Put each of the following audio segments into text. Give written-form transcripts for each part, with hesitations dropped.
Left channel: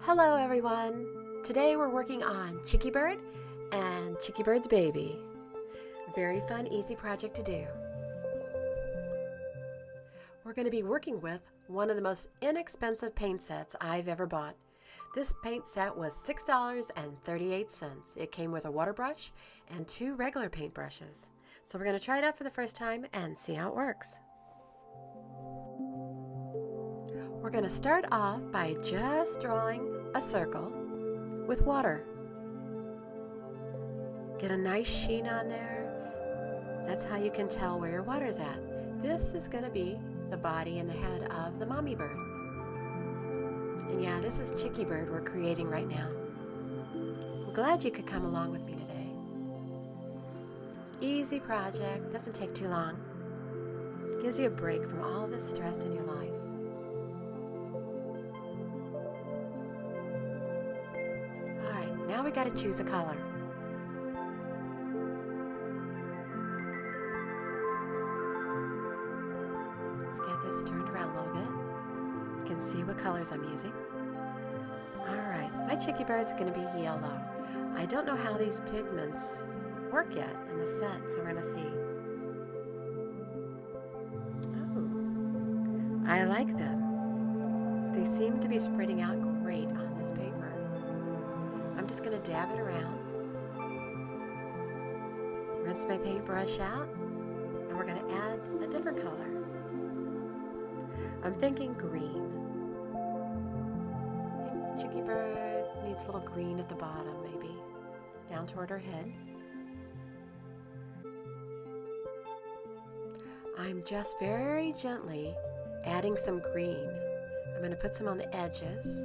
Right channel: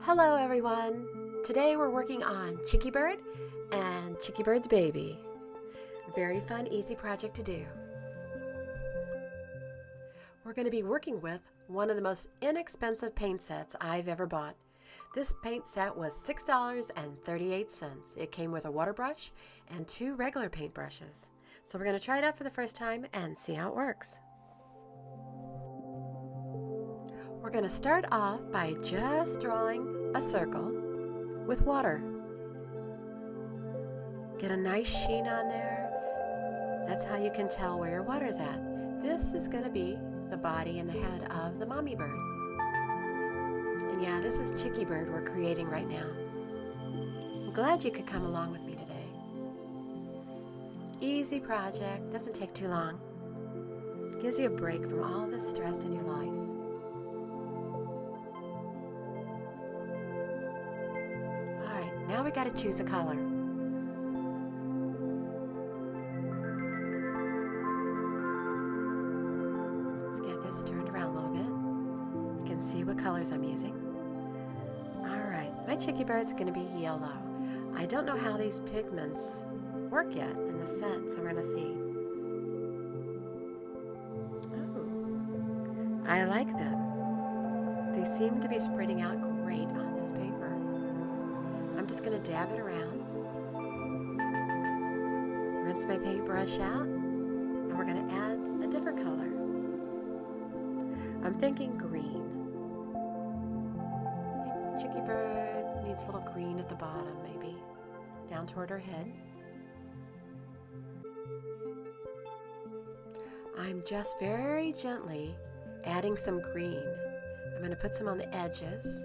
Hello everyone! Today we're working on Chicky Bird and Chicky Bird's baby. Very fun, easy project to do. We're going to be working with one of the most inexpensive paint sets I've ever bought. This paint set was $6.38. It came with a water brush and 2 regular paint brushes. So we're going to try it out for the first time and see how it works. We're going to start off by just drawing a circle with water. Get a nice sheen on there. That's how you can tell where your water's at. This is going to be the body and the head of the mommy bird. And yeah, this is Chicky Bird we're creating right now. I'm glad you could come along with me today. Easy project, doesn't take too long. Gives you a break from all the stress in your life. Alright, now we got to choose a color. Let's get this turned around a little bit. You can see what colors I'm using. Alright, my Chicky Bird's going to be yellow. I don't know how these pigments work yet in the set, so we're going to see. Oh, I like them. They seem to be spreading out great on this paper. I'm just going to dab it around. Rinse my paintbrush out, and we're going to add a different color. I'm thinking green. I think Chicky Bird needs a little green at the bottom, maybe, down toward her head. I'm just very gently adding some green. I'm going to put some on the edges.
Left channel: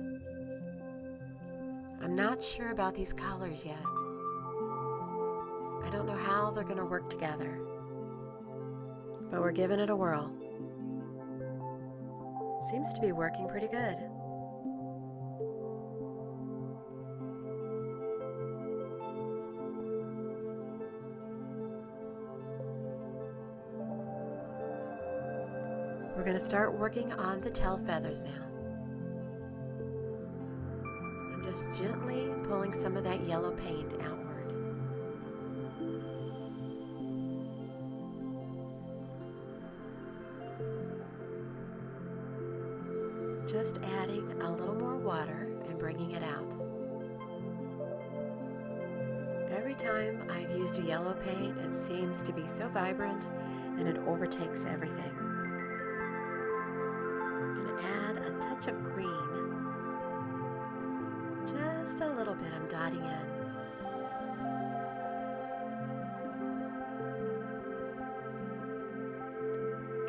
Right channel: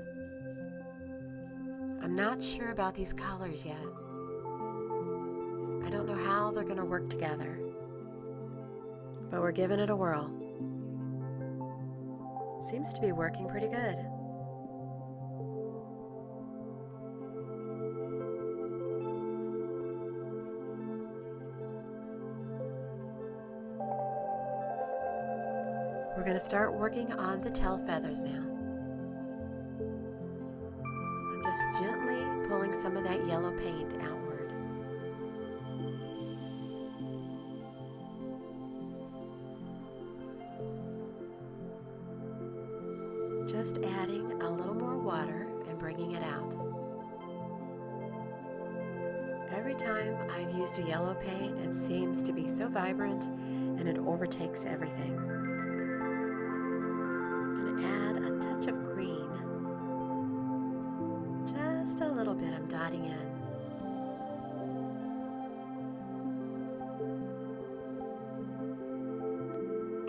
I'm not sure about these colors yet. I don't know how they're going to work together, but we're giving it a whirl. Seems to be working pretty good. We're going to start working on the tail feathers now. I'm just gently pulling some of that yellow paint outward. Just adding a little more water and bringing it out. Every time I've used a yellow paint, it seems to be so vibrant and it overtakes everything. I'm going to add a touch of green. Just a little bit I'm dotting in.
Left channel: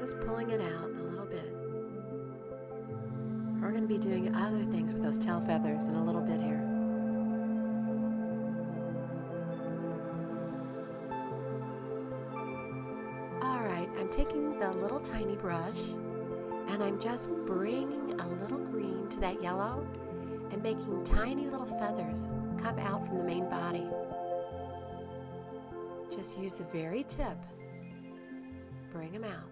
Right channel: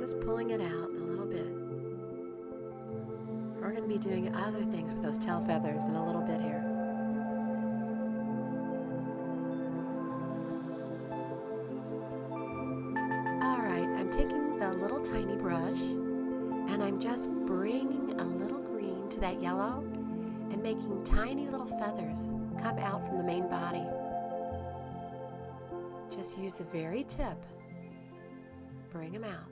Just pulling it out a little bit. We're going to be doing other things with those tail feathers in a little bit here. Alright, I'm taking the little tiny brush and I'm just bringing a little green to that yellow and making tiny little feathers come out from the main body. Just use the very tip. Bring them out.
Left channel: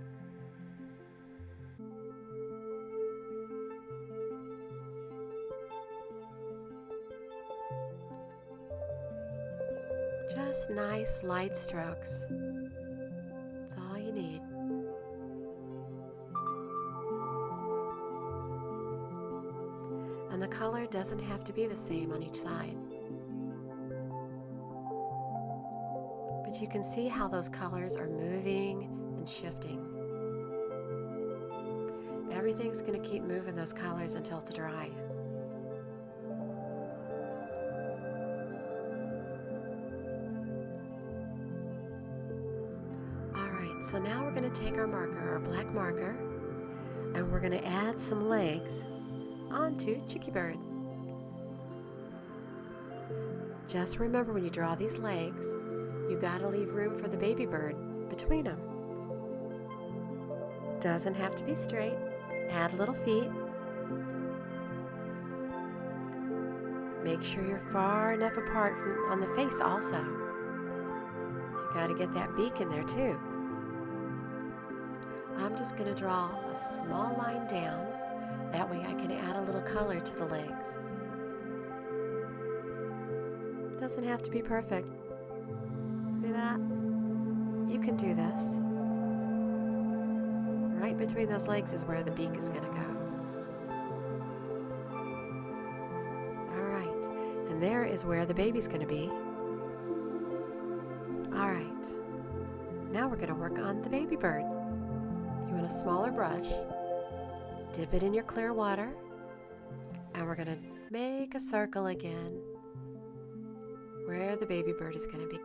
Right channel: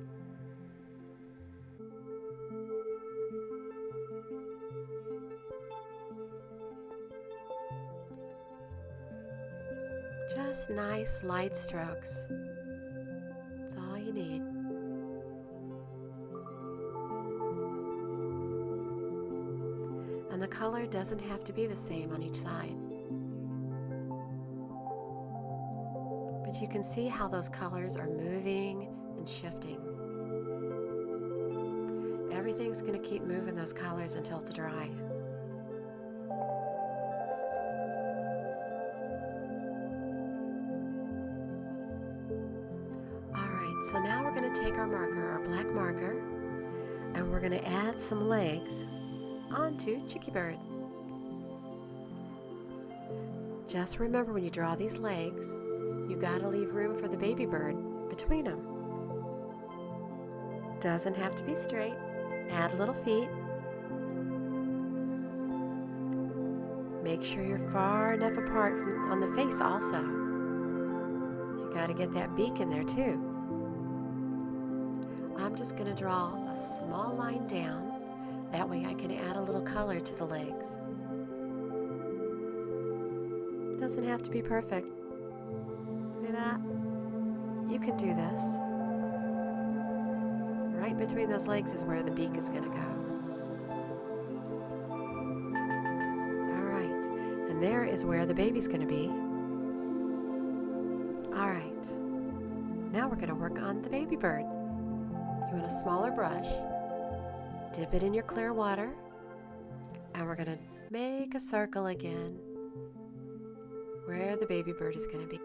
Just nice light strokes. That's all you need. And the color doesn't have to be the same on each side. But you can see how those colors are moving and shifting. Everything's going to keep moving those colors until it's dry. Alright, so now we're going to take our marker, our black marker, and we're going to add some legs onto Chicky Bird. Just remember when you draw these legs, you gotta leave room for the baby bird between them. Doesn't have to be straight. Add little feet. Make sure you're far enough apart from on the face also. You gotta get that beak in there too. I'm just gonna draw a small line down That way I can add a little color to the legs. Doesn't have to be perfect. See that? You can do this. Right between those legs is where the beak is going to go. Alright, and there is where the baby's going to be. Alright, now we're going to work on the baby bird. You want a smaller brush, dip it in your clear water, and we're going to make a circle again where the baby bird is going to be.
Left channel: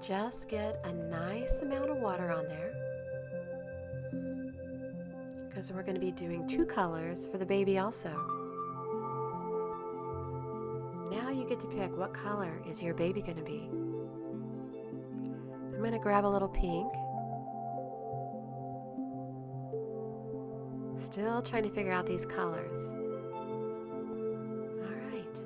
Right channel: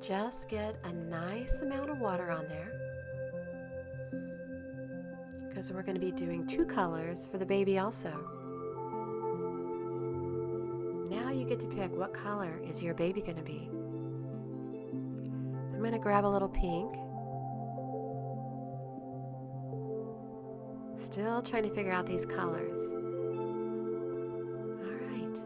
Just get a nice amount of water on there because we're going to be doing 2 colors for the baby also. Now you get to pick what color is your baby going to be. I'm going to grab a little pink. Still trying to figure out these colors. All right.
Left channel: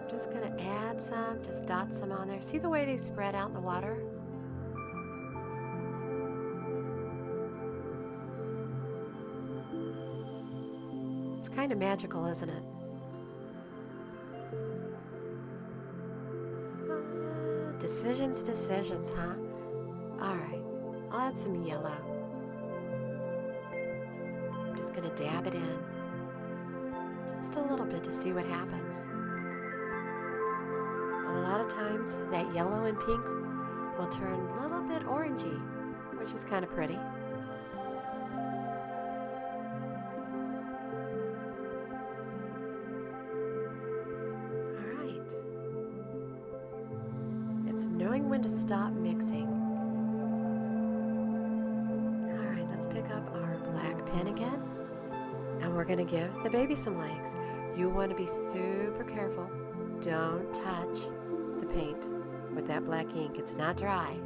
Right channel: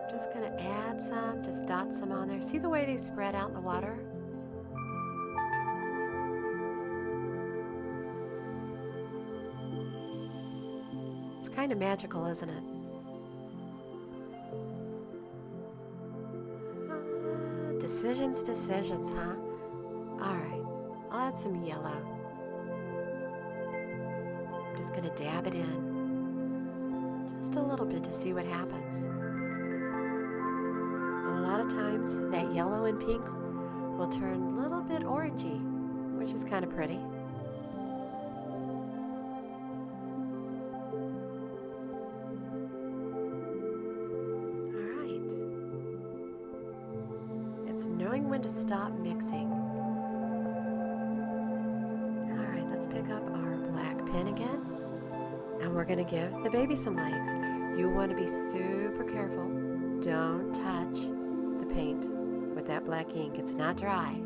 I'm just going to add some, just dot some on there. See the way they spread out in the water? It's kind of magical, isn't it? Decisions, huh? Alright, I'll add some yellow. I'm just going to dab it in. Just a little bit to see what happens. A lot of times that yellow and pink will turn a little bit orangey, which is kind of pretty. Alright. It's knowing when to stop mixing. Alright, let's pick up our black pen again. And we're going to give the baby some legs. You want to be super careful. Don't touch the paint with that black ink. It's not dry.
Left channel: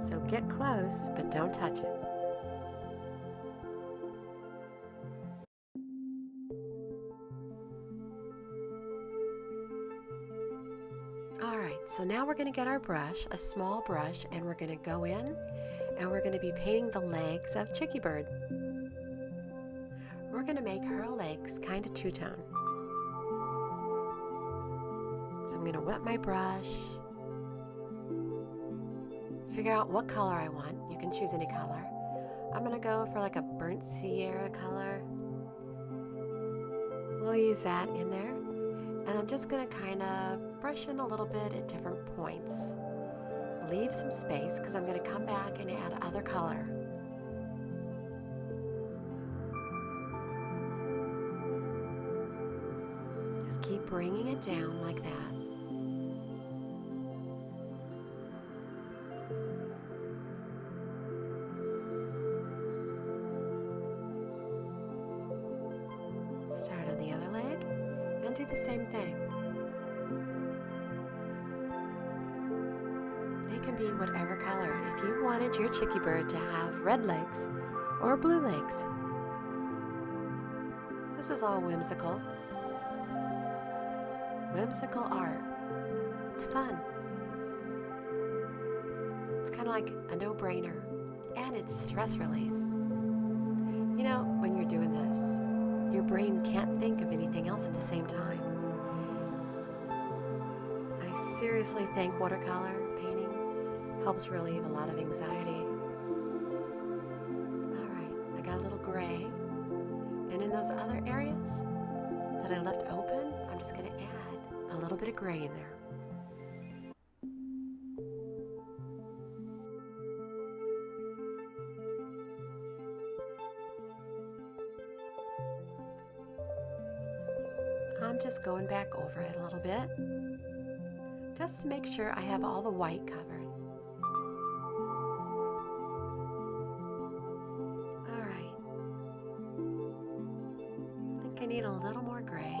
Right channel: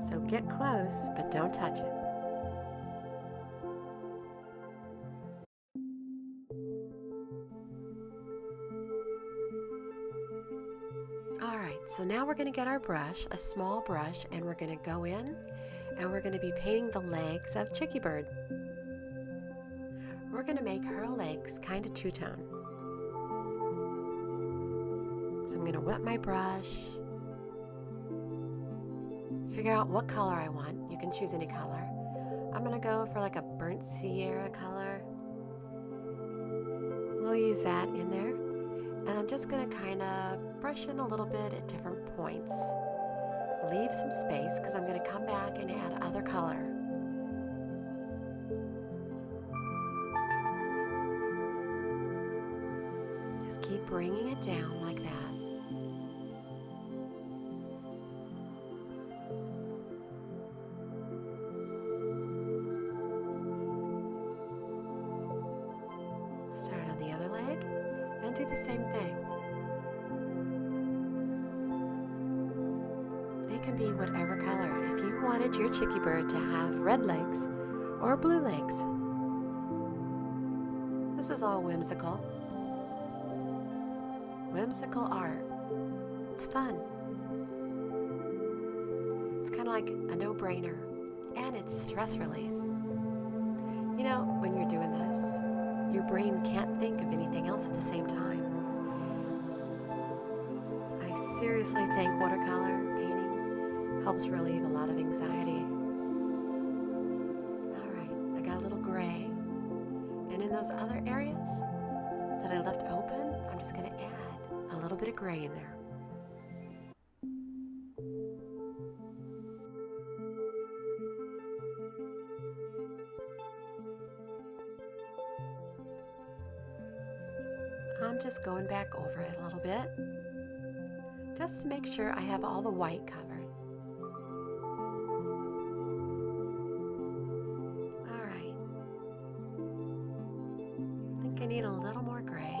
So get close, but don't touch it. Alright, so now we're going to get our brush, a small brush, and we're going to go in and we're going to be painting the legs of Chicky Bird. We're going to make her legs kind of two-tone. So I'm going to wet my brush, figure out what color I want. You can choose any color. I'm going to go for like a burnt Sierra color. We'll use that in there. And I'm just going to kind of brush in a little bit at different points. Leave some space because I'm going to come back and add other color. Just keep bringing it down like that. Start on the other leg and do the same thing. They can be whatever color. If you wanted your Chicky Bird to have red legs or blue legs. This is all whimsical. Whimsical art. It's fun. It's kind of like a no-brainer, and it's stress relief. You know, when you're doing this, your brain can't think of anything else at the same time. I seriously think watercolor painting helps relieve a lot of anxiety. Alright, I got a little gray, and in those other areas that I left open, I'm just going to add a little bit of gray in there. I'm just going back over it a little bit, just to make sure I have all the white covered. Alright. I think I need a little more gray.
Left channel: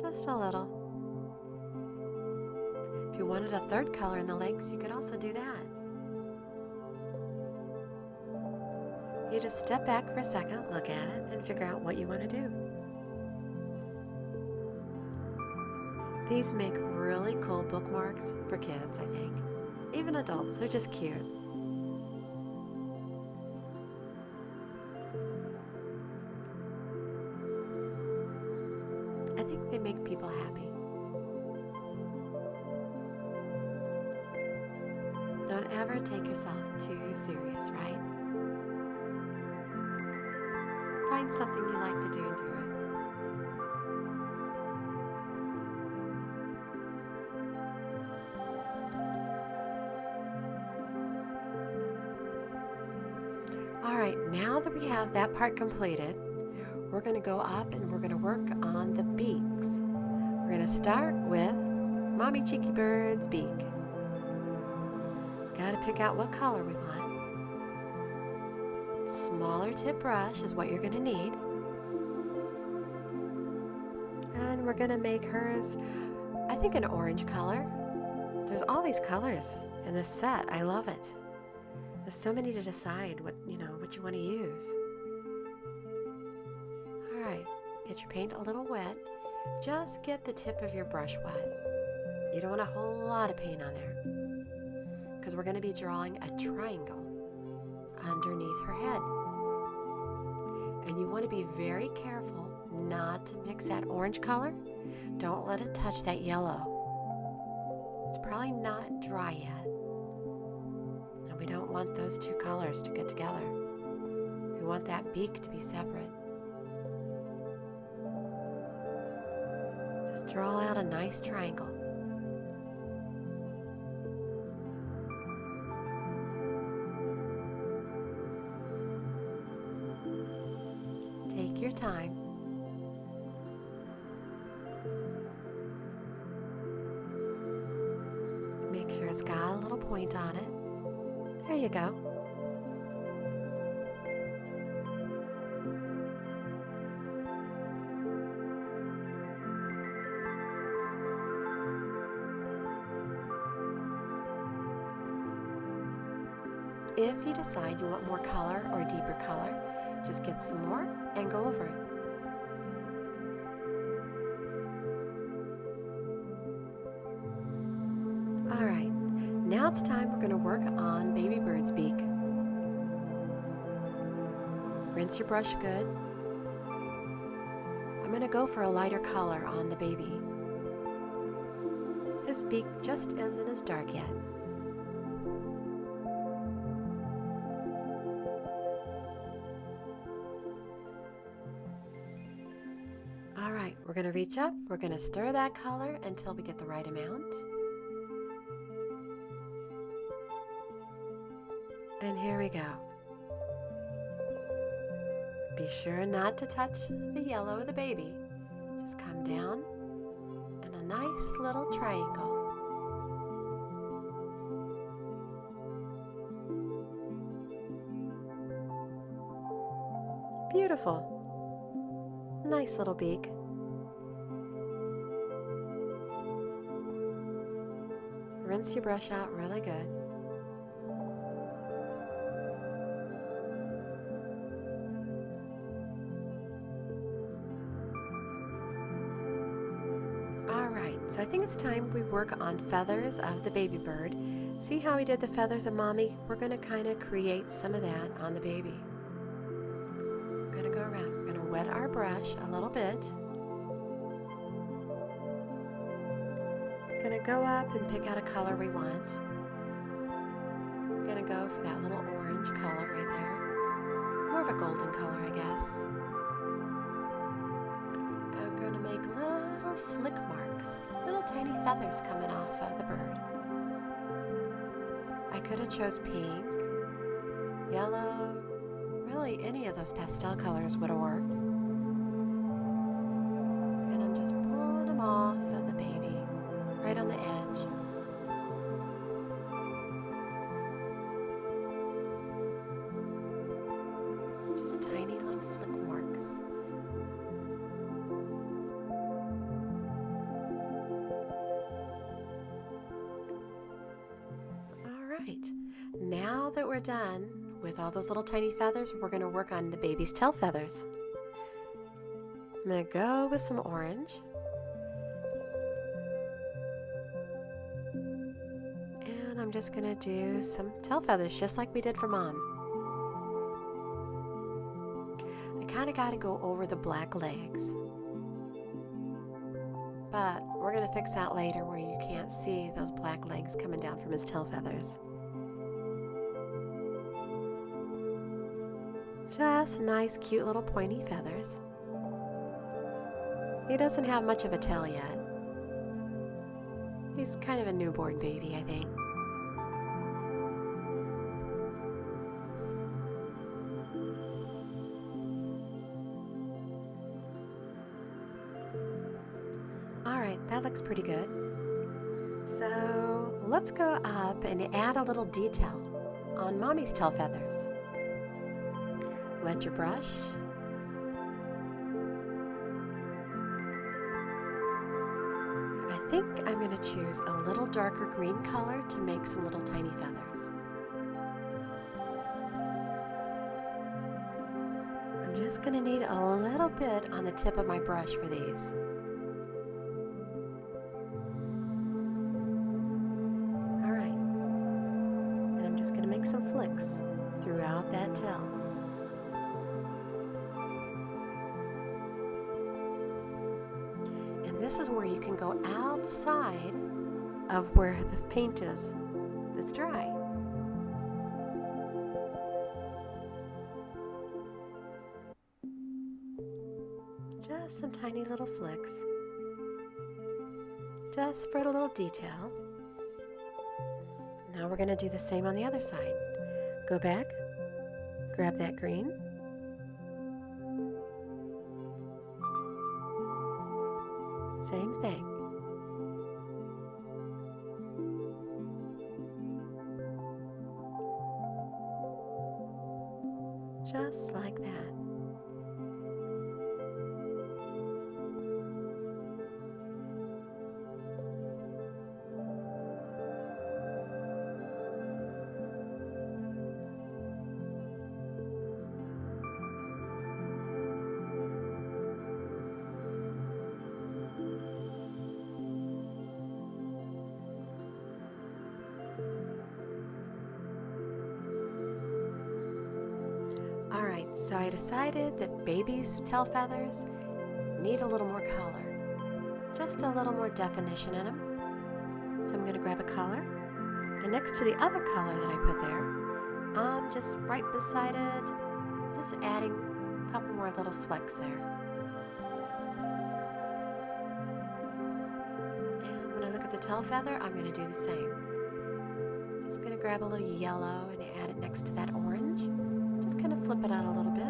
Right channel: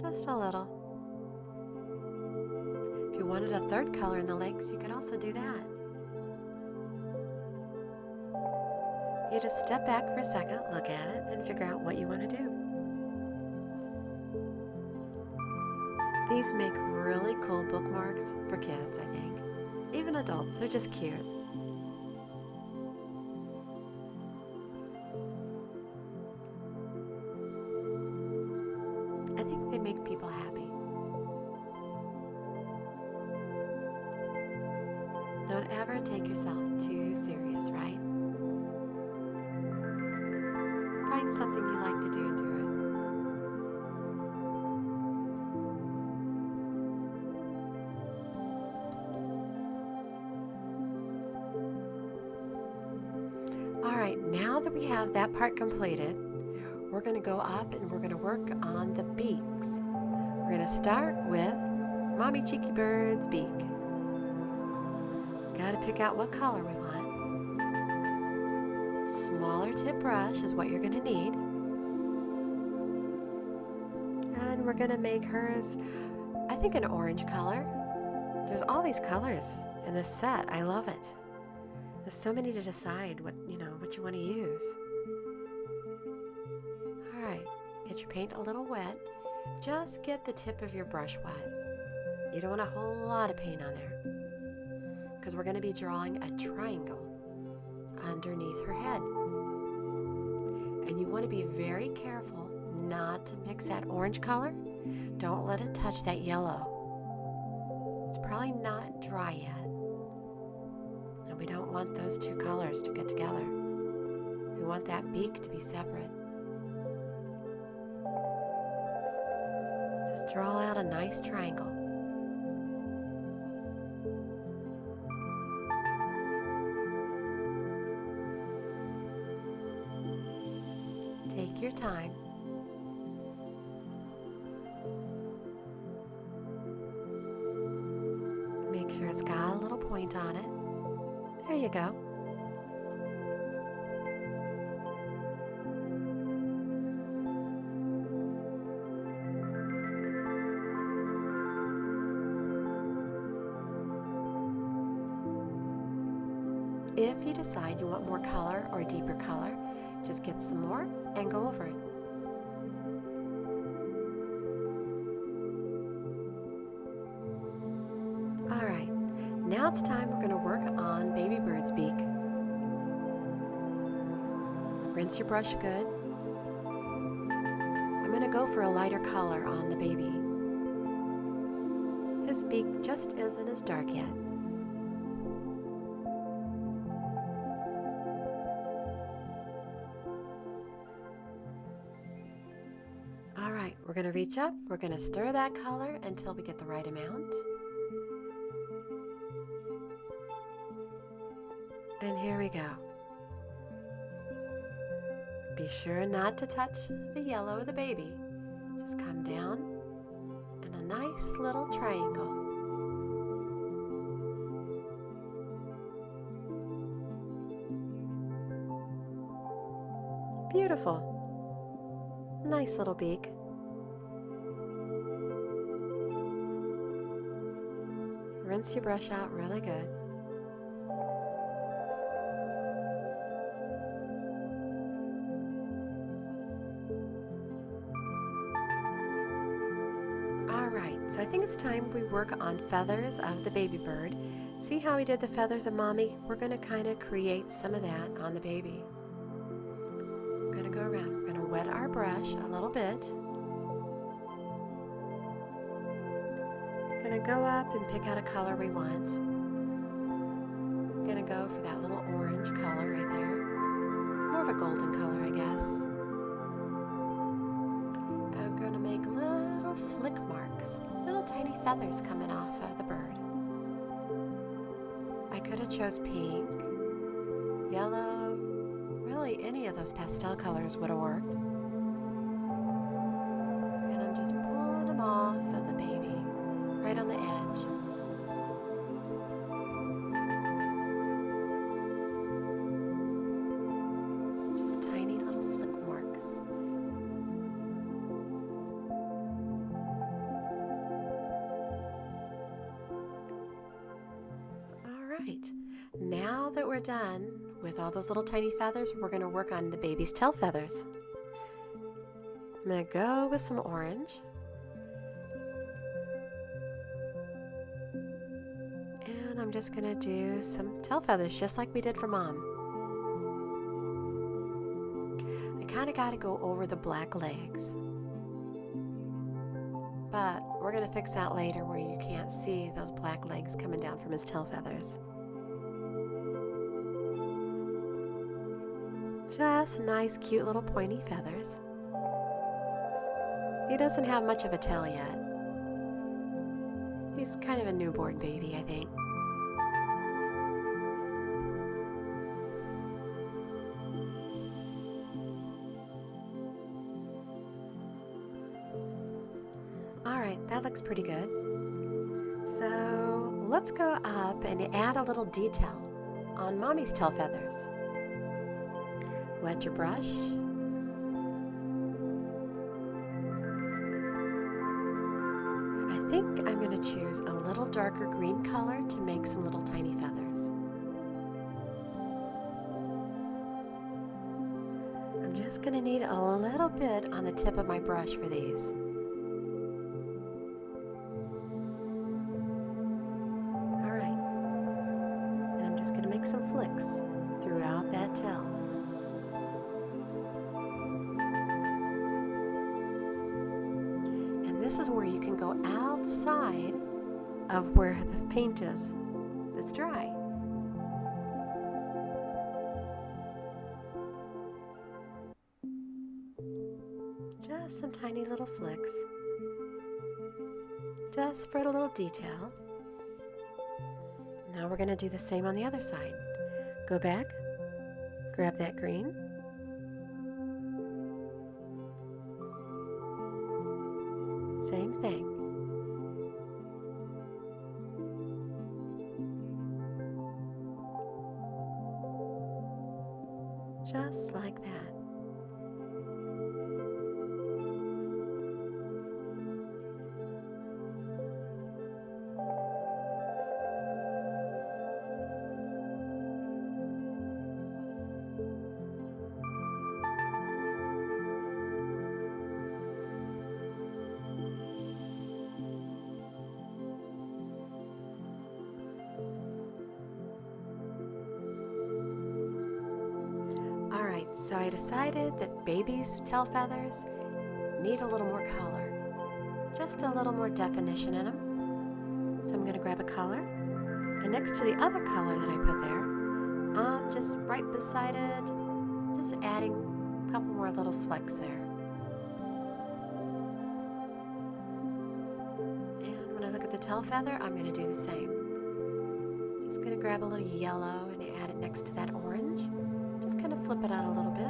Just a little. If you wanted a third color in the legs, you could also do that. You just step back for a second, look at it, and figure out what you want to do. These make really cool bookmarks for kids, I think. Even adults, they're just cute. I think they make people happy. Don't ever take yourself too serious, right? Find something you like to do and do it. Alright, now that we have that part completed, we're going to go up and we're going to work on the beaks. We're going to start with Mommy Cheeky Bird's beak. Got to pick out what color we want. Smaller tip brush is what you're going to need. And we're going to make hers, I think, an orange color. There's all these colors in this set. I love it. There's so many to decide what you want to use. All right, get your paint a little wet. Just get the tip of your brush wet. You don't want a whole lot of paint on there because we're going to be drawing a triangle underneath her head. And you want to be very careful not to mix that orange color. Don't let it touch that yellow. It's probably not dry yet. And we don't want those two colors to get together. We want that beak to be separate. Just draw out a nice triangle. Take your time. Make sure it's got a little point on it. There you go. If you decide you want more color or deeper color, just get some more and go over it. All right, now it's time we're going to work on Baby Bird's beak. Rinse your brush good. I'm going to go for a lighter color on the baby. His beak just isn't as dark yet. All right, we're going to reach up. We're going to stir that color until we get the right amount. And here we go. Be sure not to touch the yellow of the baby. Just come down in a nice little triangle. Beautiful. Nice little beak. Rinse your brush out really good. Alright, so I think it's time we work on feathers of the baby bird. See how we did the feathers of Mommy? We're going to kind of create some of that on the baby. We're going to go around. We're going to wet our brush a little bit. We're going to go up and pick out a color we want. We're going to go for that little orange color right there. More of a golden color, I guess. And we're going to make little flick marks, little tiny feathers coming off of the bird. I could have chose pink, yellow, really any of those pastel colors would have worked. And I'm just pulling them off of the baby, right on the edge. Just tiny little flick marks. Alright, now that we're done with all those little tiny feathers, we're going to work on the baby's tail feathers. I'm going to go with some orange. And I'm just gonna do some tail feathers just like we did for Mom. I kind of got to go over the black legs, but we're gonna fix that later where you can't see those black legs coming down from his tail feathers. Just nice, cute little pointy feathers. He doesn't have much of a tail yet. He's kind of a newborn baby, I think. Alright, that looks pretty good. So let's go up and add a little detail on Mommy's tail feathers. Wet your brush. I think I'm going to choose a little darker green color to make some little tiny feathers. I'm just going to need a little bit on the tip of my brush for these. Alright, and I'm just going to make some flicks throughout that tail. This is where you can go outside of where the paint is that's dry. Just some tiny little flicks, just for a little detail. Now we're going to do the same on the other side. Go back, grab that green, same thing. Just like that. Alright, so I decided that baby's tail feathers need a little more color, just a little more definition in them. So I'm going to grab a color, and next to the other color that I put there, just right beside it, just adding a couple more little flecks there. And when I look at the tail feather, I'm going to do the same. Just going to grab a little yellow and add it next to that orange. Just kind of flip it out a little bit.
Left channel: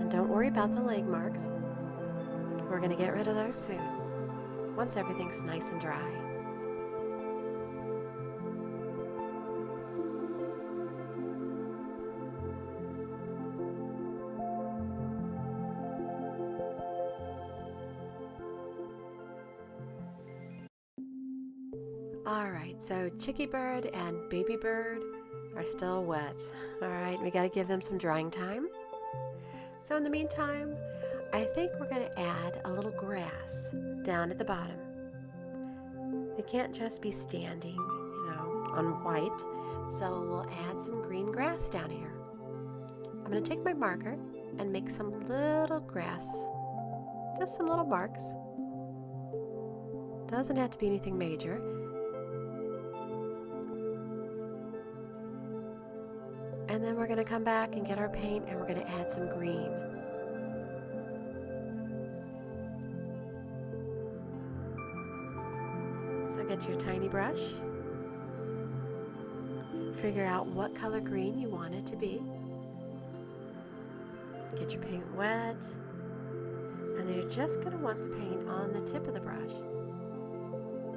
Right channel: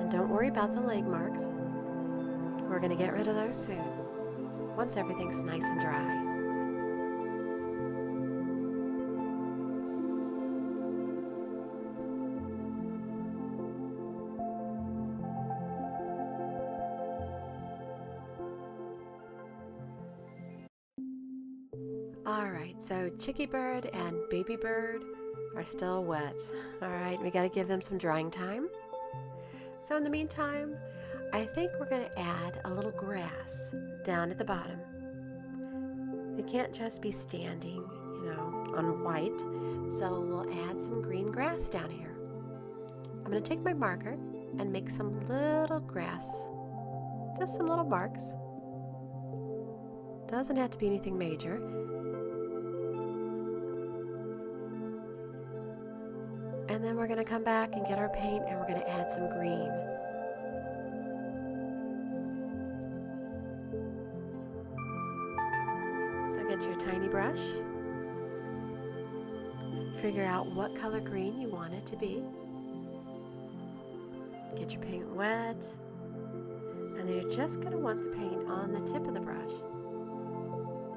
And don't worry about the leg marks. We're going to get rid of those soon, once everything's nice and dry. Alright, so Chicky bird and baby bird are still wet. Alright, we got to give them some drying time. So in the meantime, I think we're going to add a little grass down at the bottom. They can't just be standing, on white. So we'll add some green grass down here. I'm going to take my marker and make some little grass. Just some little marks. Doesn't have to be anything major. And then we're going to come back and get our paint and we're going to add some green. So get your tiny brush. Figure out what color green you want it to be. Get your paint wet. And then you're just going to want the paint on the tip of the brush.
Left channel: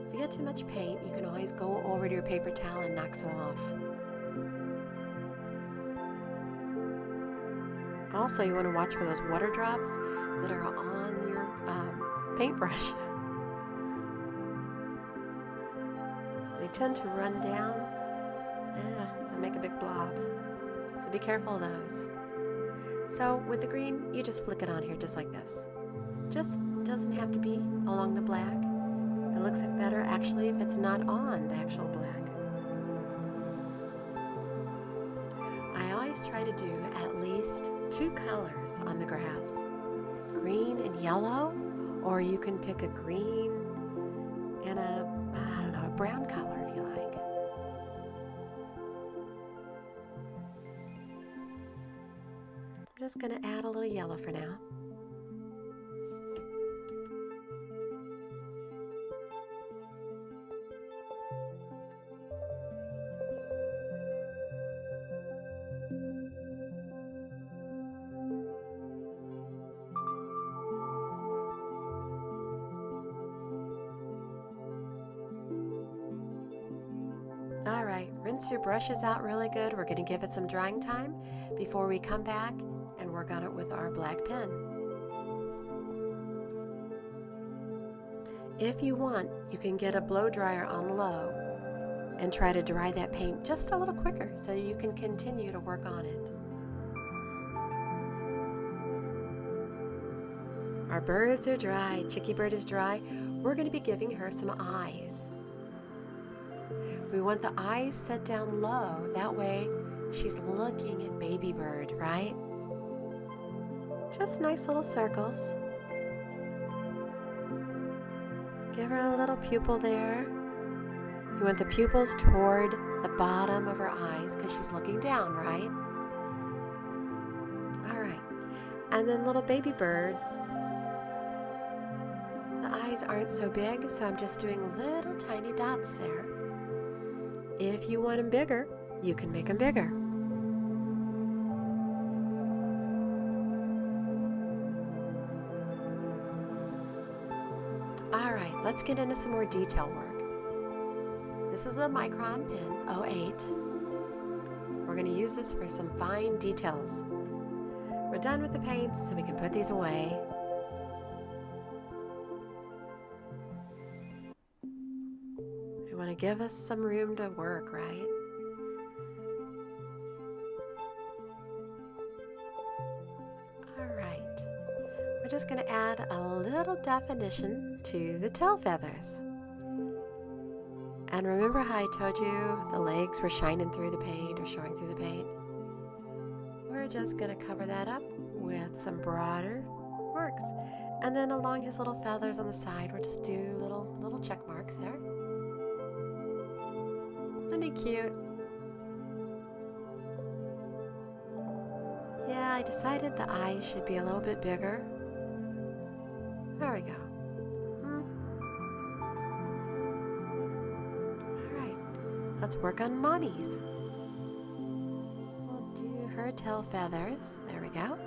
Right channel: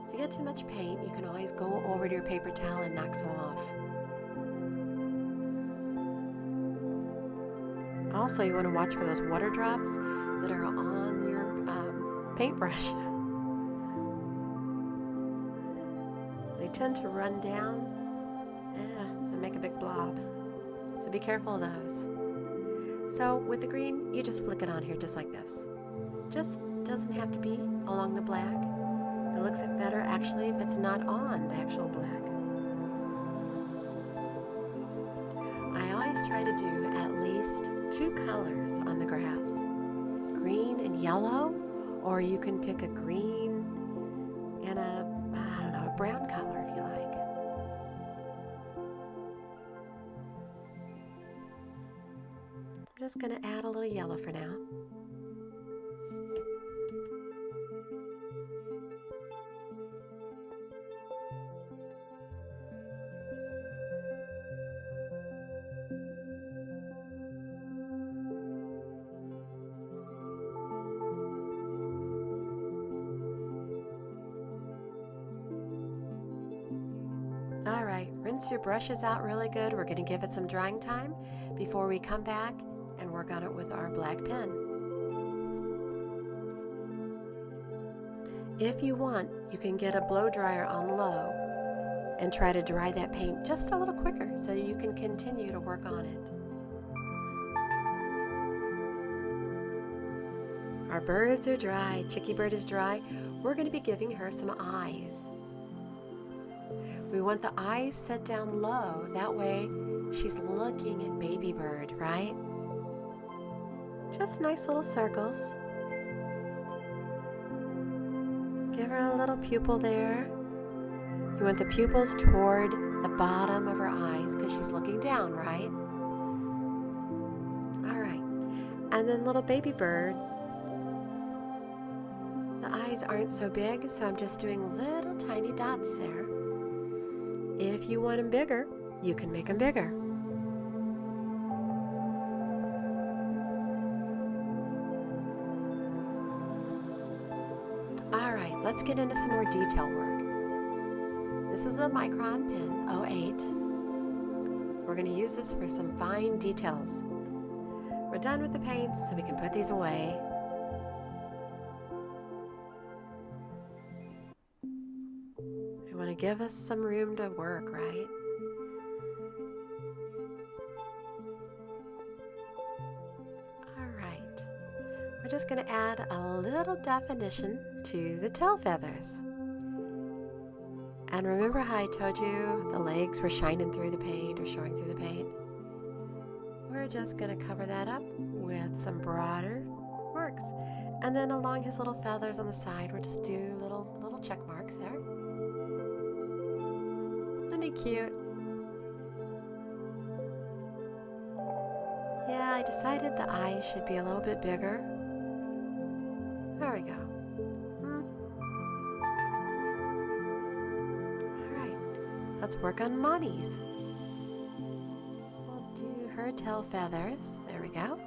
If you get too much paint, you can always go over to your paper towel and knock some off. Also, you want to watch for those water drops that are on your paintbrush. They tend to run down and make a big blob. So be careful of those. So with the green, you just flick it on here just like this. Just doesn't have to be along the black. It looks better actually if it's not on the actual black. I always try to do at least 2 colors on the grass, green and yellow, or you can pick a green and a brown color if you like. I'm just going to add a little yellow for now. All right, rinse your brushes out really good. We're going to give it some drying time before we come back and work on it with our black pen. If you want, you can get a blow dryer on low and try to dry that paint just a little quicker so you can continue to work on it. Our birds are dry. Chicky bird is dry. We're going to be giving her some eyes. We want the eyes set down low. That way she's looking at baby bird, right? Just nice little circles. Give her a little pupil there. You want the pupils toward the bottom of her eyes because she's looking down, right? All right. And then little baby bird. The eyes aren't so big, so I'm just doing little tiny dots there. If you want them bigger, you can make them bigger. All right, let's get into some more detail work. This is a micron pen, 08. We're going to use this for some fine details. We're done with the paints, so we can put these away. We want to give us some room to work, right? All right. We're just going to add a little definition to the tail feathers. And remember how I told you the legs were shining through the paint or showing through the paint? We're just going to cover that up with some broader marks. And then along his little feathers on the side, we'll just do little check marks there. Isn't he cute? Yeah, I decided the eyes should be a little bit bigger. There we go. Alright, let's work on Mommy's. We'll do her tail feathers. There we go.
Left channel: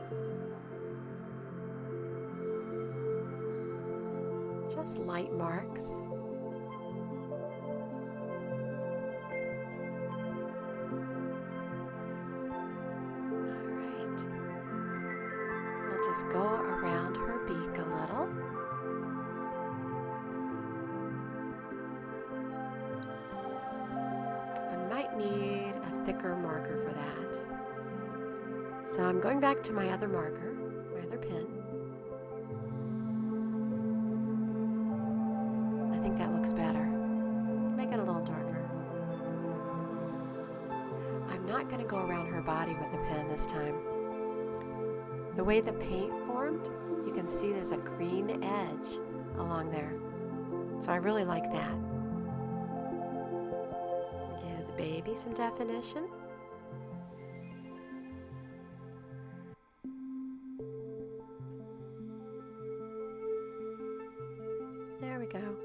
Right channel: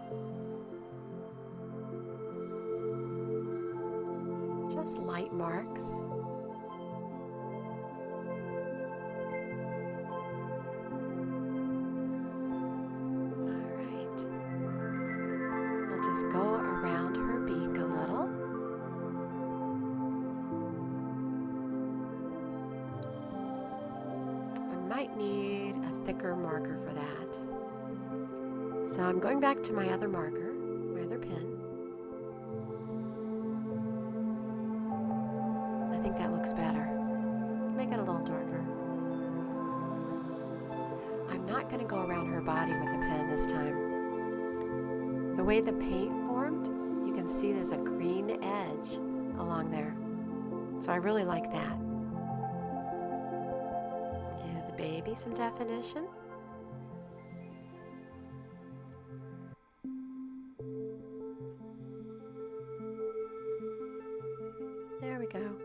Just light marks. Just go around her beak a little. I might need a thicker marker for that. So I'm going back to my other marker, my other pen. I think that looks better. Make it a little darker. I'm not going to go around her body with the pen this time. The way the paint formed, you can see there's a green edge along there. So I really like that. Give the baby some definition. There we go.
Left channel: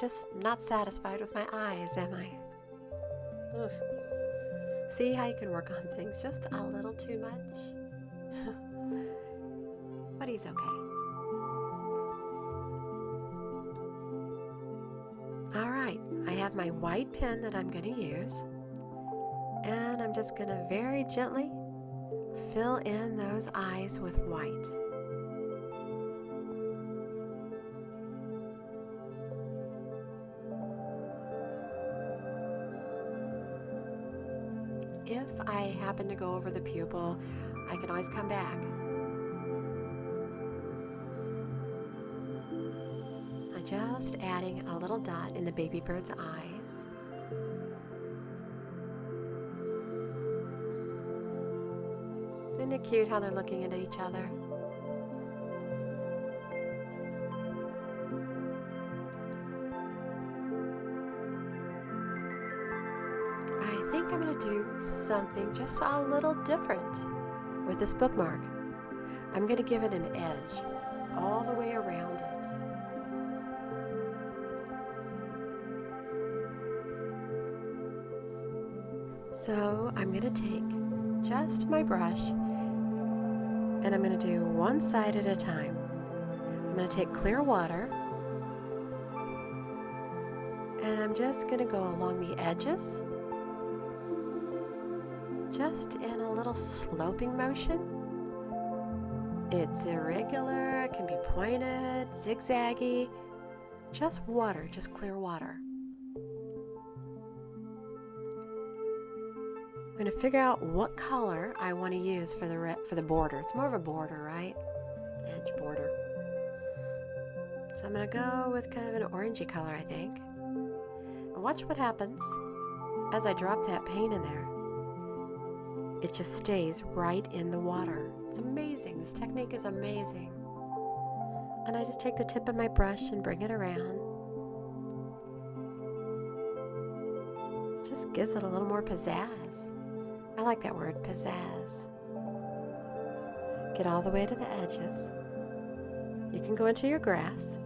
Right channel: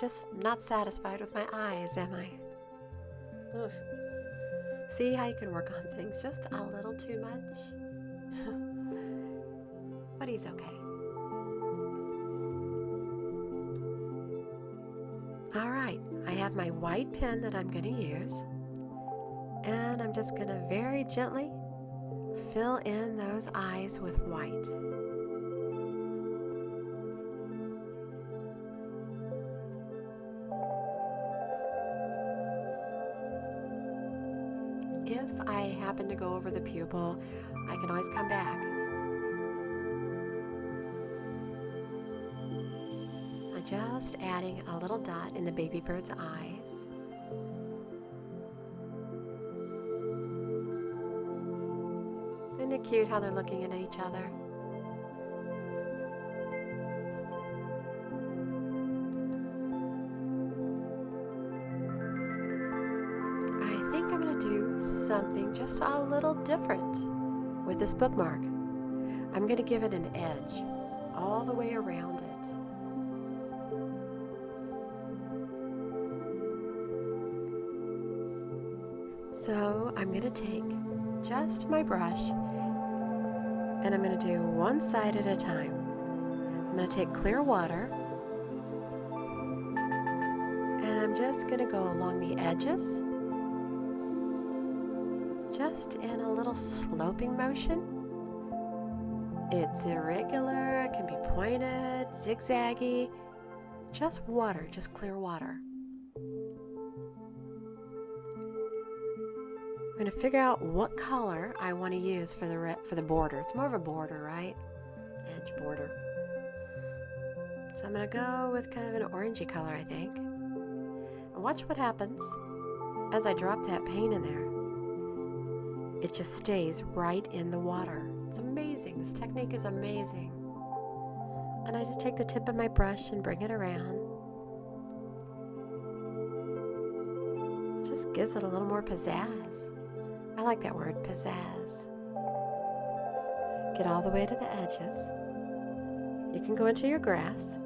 Just not satisfied with my eyes, am I? Oof. See how you can work on things just a little too much? But he's okay. All right, I have my white pen that I'm going to use, and I'm just going to very gently fill in those eyes with white. If I happen to go over the pupil, I can always come back. I just adding a little dot in the baby bird's eyes. Isn't it cute how they're looking at each other? I think I'm going to do something just a little different with this bookmark. I'm going to give it an edge all the way around it. So I'm going to take just my brush and I'm going to do one side at a time. I'm going to take clear water and I'm just going to go along the edges, just in a little sloping motion. It's irregular, it can be pointed, zigzaggy, just water, just clear water. I'm going to figure out what color I want to use for the border. It's more of a border, right? Edge border. So I'm going to go with kind of an orangey color, I think. And watch what happens as I drop that paint in there. It just stays right in the water. It's amazing. This technique is amazing. And I just take the tip of my brush and bring it around. Just gives it a little more pizzazz. I like that word, pizzazz. Get all the way to the edges. You can go into your grass.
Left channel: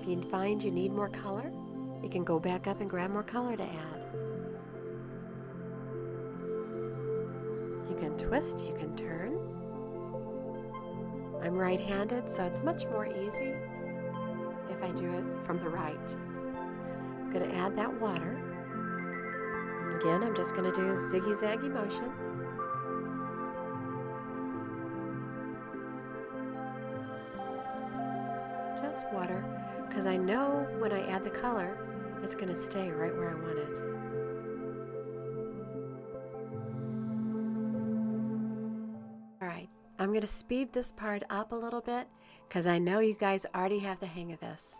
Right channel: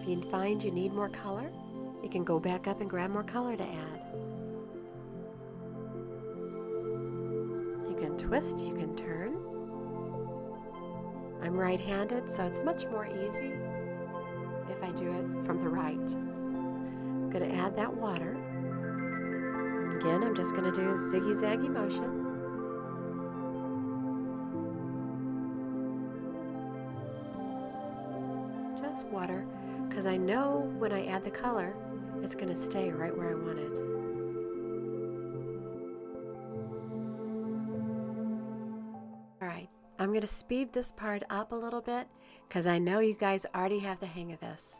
If you find you need more color, you can go back up and grab more color to add. You can twist, you can turn. I'm right-handed, so it's much more easy if I do it from the right. I'm going to add that water. Again, I'm just going to do a ziggy-zaggy motion. Just water, because I know when I add the color, it's going to stay right where I want it. Alright, I'm going to speed this part up a little bit because I know you guys already have the hang of this.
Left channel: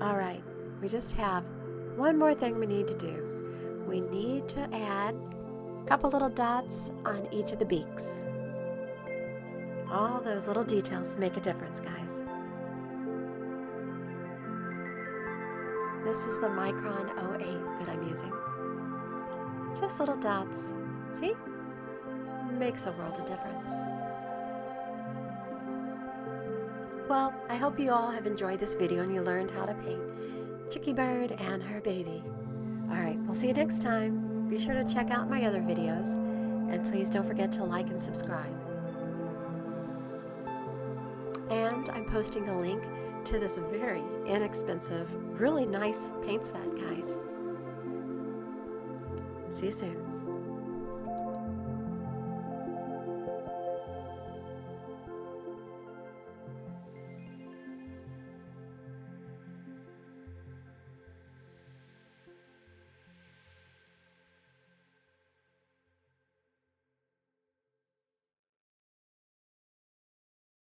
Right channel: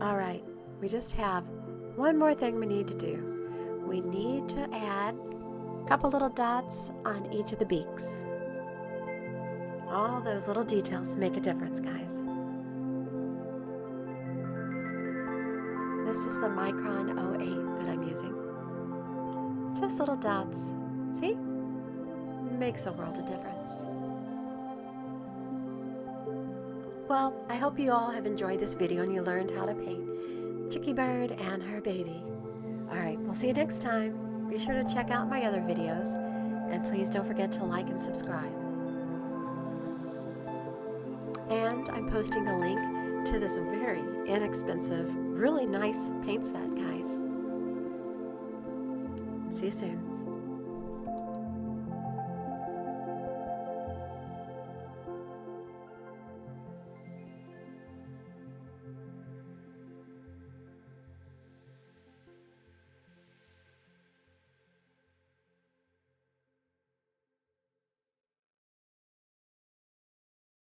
All right, we just have one more thing we need to do. We need to add a couple little dots on each of the beaks. All those little details make a difference, guys. This is the Micron 08 that I'm using. Just little dots. See? Makes a world of difference. Well, I hope you all have enjoyed this video and you learned how to paint Chicky Bird and her baby. Alright, we'll see you next time. Be sure to check out my other videos and please don't forget to like and subscribe. And I'm posting a link to this very inexpensive, really nice paint set, guys. See you soon.